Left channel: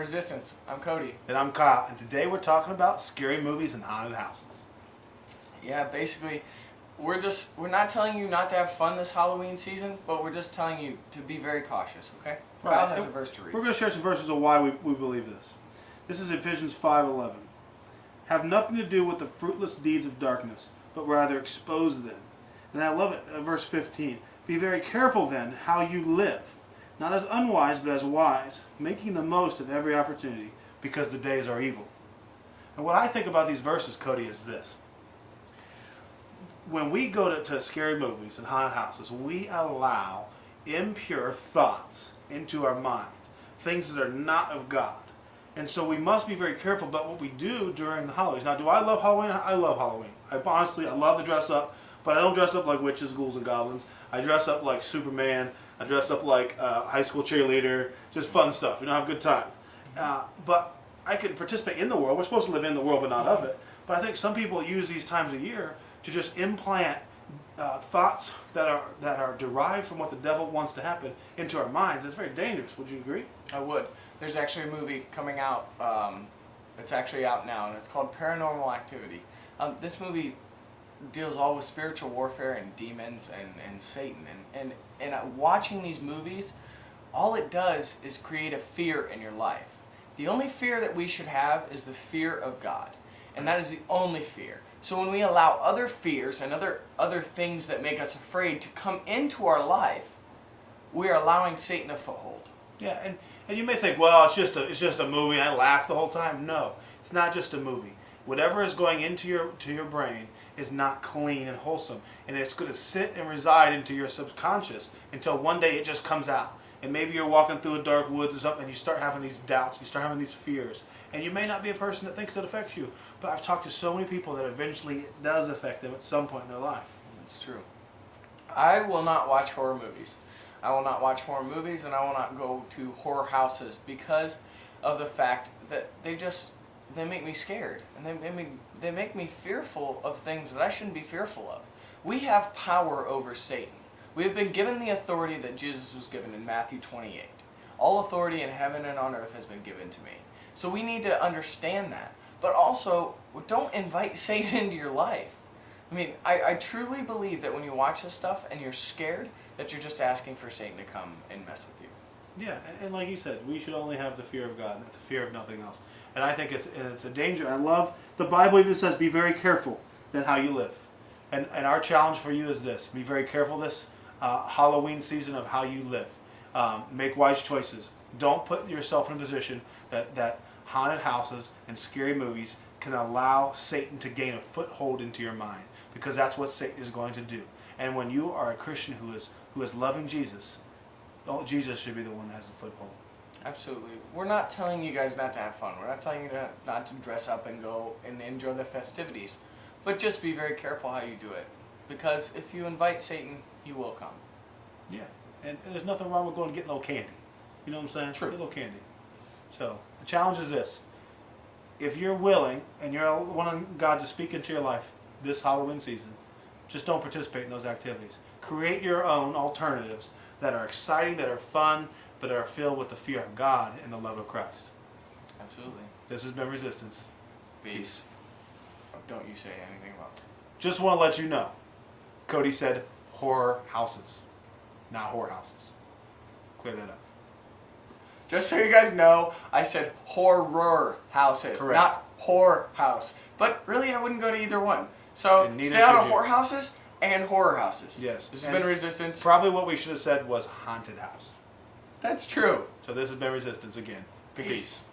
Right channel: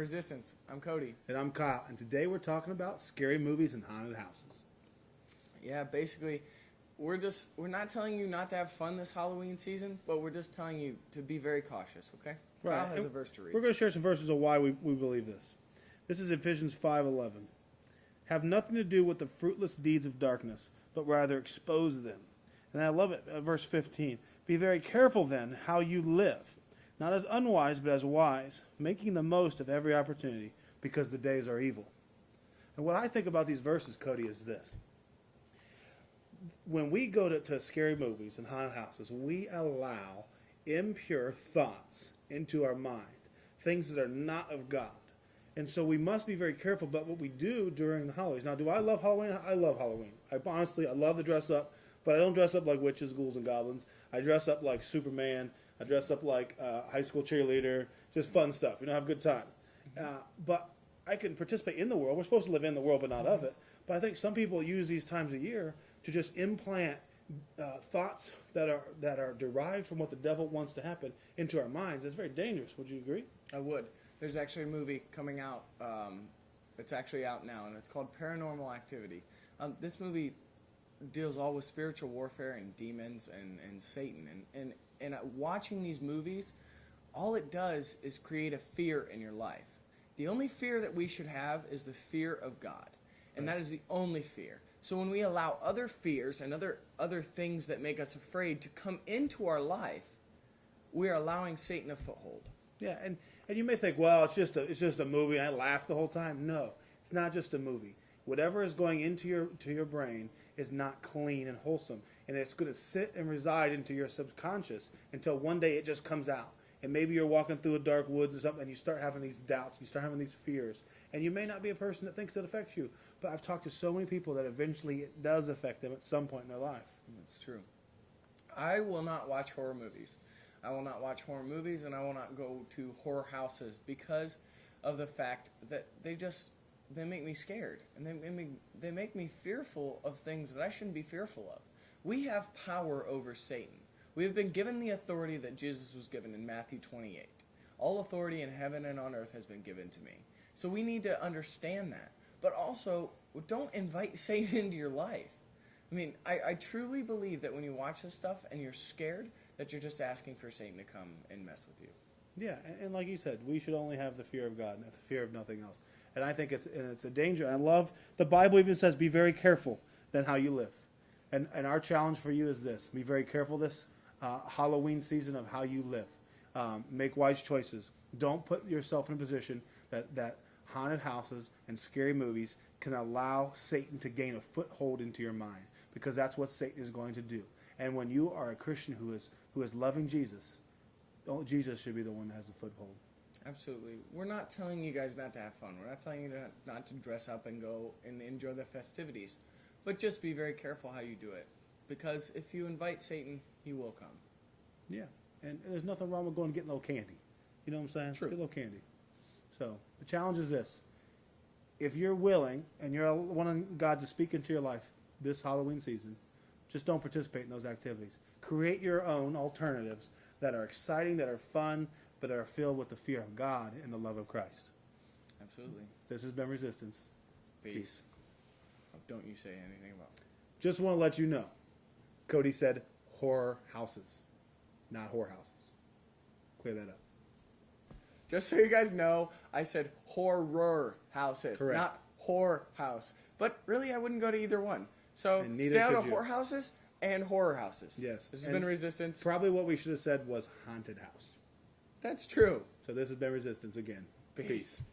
Resistance. I'm Cody. And I'm Kyle, and today we're talking about scary movies and haunted houses. Yeah, basically, we're not telling you not to have fun this Halloween season, but we're just telling you to be very cautious, okay? Kyle has a verse to read. We're going to share some verses of why we believe this. This is Ephesians 5:11. Have nothing to do with the fruitless deeds of darkness, but rather expose them. And I love it, verse 15. Be very careful then how you live, not as unwise, but as wise, making the most of every opportunity, because the days are evil. And what I think about these verses, Cody, is this. When we go to scary movies and haunted houses, we allow impure thoughts into our mind, things that are not of God. And so we must be very careful about what we do during the holidays. Now, do I love Halloween? I love Halloween. I love to dress up, but I don't dress up like witches, ghouls, and goblins. I dress up like Superman. I dress up like a high school cheerleader. Just fun stuff. Have a good time. But I can participate in the world. We're supposed to live in the world, but not of it. But I think some people use these times of year to just implant thoughts that are derived from what the devil wants to happen into our minds. It's very dangerous. Would you agree? I would. There's actually a movie coming out. It's actually out now, and it's called Paranormal Activity. This movie deals all with spiritual warfare and demons and Satan. And watching these movies, all it does is create a fear in your life. The only fear that we should have is the fear of God. And that is the only fear. So when we allow other fears and other things that make us afraid to come into our life, we're allowing Satan a foothold. Yeah, and you may think, well, it's just a movie and I laugh the whole time. No, it's not just a movie. Whatever is going into your brain is not clean and wholesome, and it's going to sit and reside into your subconscious until one day it just comes out. And maybe you're walking through a dark woods or something, and you start having these doubts, you start having these fears. And you may not be a person that thinks it affects you, but I've talked to so many people that eventually it does affect them at some point in their life. It's true. I will not watch horror movies. I will not watch horror movies, and I will not go to horror houses because of the fact that they make me scared, and they make me fearful of things that I shouldn't be fearful of. We have power over Satan. We have been given the authority that Jesus was given in Matthew 28. All authority in heaven and on earth has been given to me. So we need to understand that. But also, don't invite Satan into your life. I mean, I truly believe that when you watch this stuff and you're scared, that you're just asking for Satan to come and mess with you. Yeah, and like you said, we should only have the fear of God, the fear of nothing else. And I think it's a danger. I love, the Bible even says, be very careful then how you live. And our challenge for you is this. Be very careful this Halloween season of how you live. Make wise choices. Don't put yourself in a position that haunted houses and scary movies can allow Satan to gain a foothold into your mind, because that's what Satan is going to do. And when you are a Christian who is loving Jesus, Jesus should be the one that has the foothold. Absolutely. We're not telling you guys not to have fun. We're not telling you not to dress up and go and enjoy the festivities. But just be very careful how you do it. Because if you invite Satan, he will come. Yeah. And there's nothing wrong with going and getting a little candy. You know what I'm saying? True. Get a little candy. So the challenge is this. If you're willing and you're wanting God to speak into your life this Halloween season, just don't participate in those activities. Create your own alternatives that are exciting, that are fun, but that are filled with the fear of God and the love of Christ. Absolutely. This has been Resistance. Peace. Don't you say anything about that. Just want to let you know, Cody said horror houses, not whorehouses. Clear that up. Just so you guys know, I said horror houses, Correct. not whore house. But really, I wouldn't go to either one. So And neither stay out of should you. whorehouses and horror houses. Yes. This has been Resistance. Probably what we should have said was haunted house. That's true. So this has been Resistance again. Peace.